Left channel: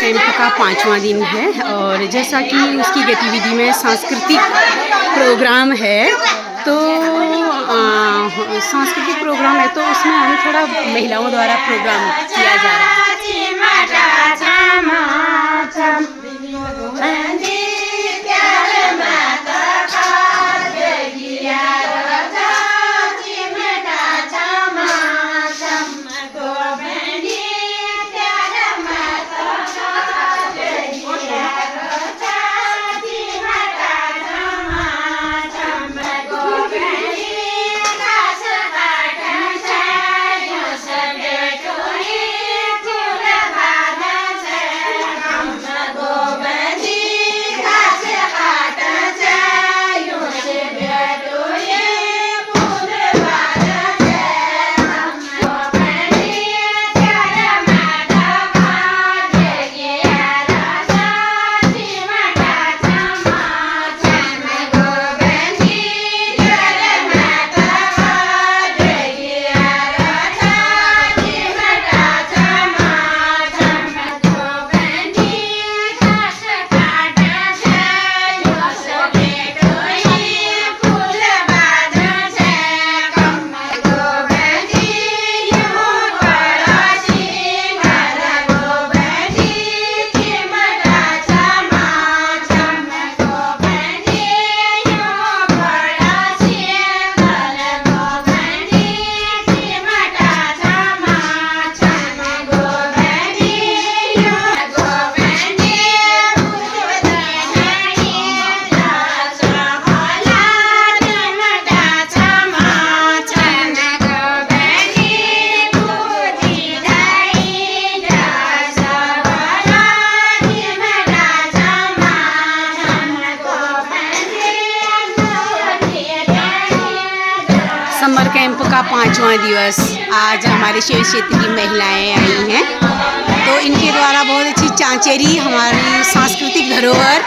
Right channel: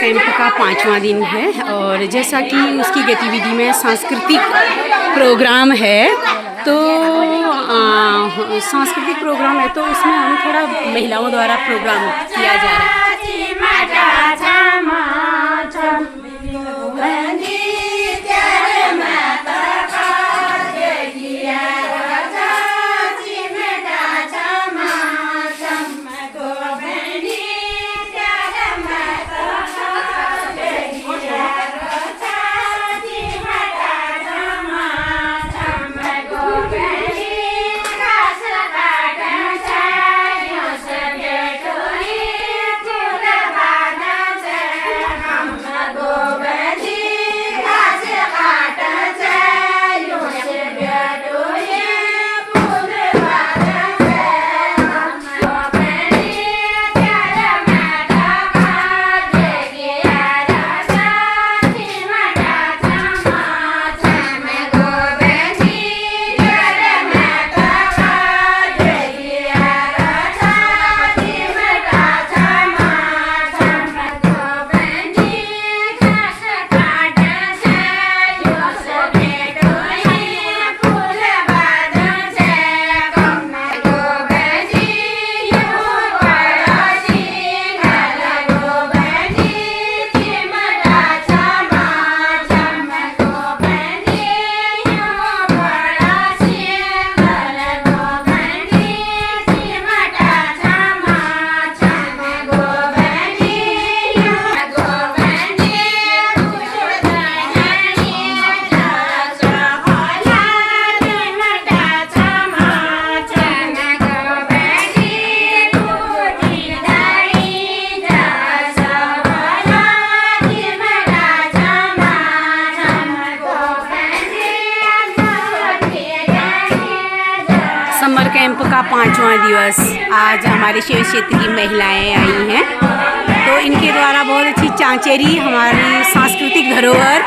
कैंप का 5वां दिन है और जैसा कि उसकी गतिविधि में सांस्कृतिक प्रोग्राम है तो सांस्कृतिक प्रोग्राम है तो उसमें हम थोड़ा महिलाओं द्वारा प्रोग्राम किया जा रहा है। समर कैंप का 5वां दिवस आज हमारे शिव क्षेत्र की महिलाएं आई हैं तो इनके द्वारा बहुत अच्छी चांचेरी हमारी सांस्कृतिक धरोहर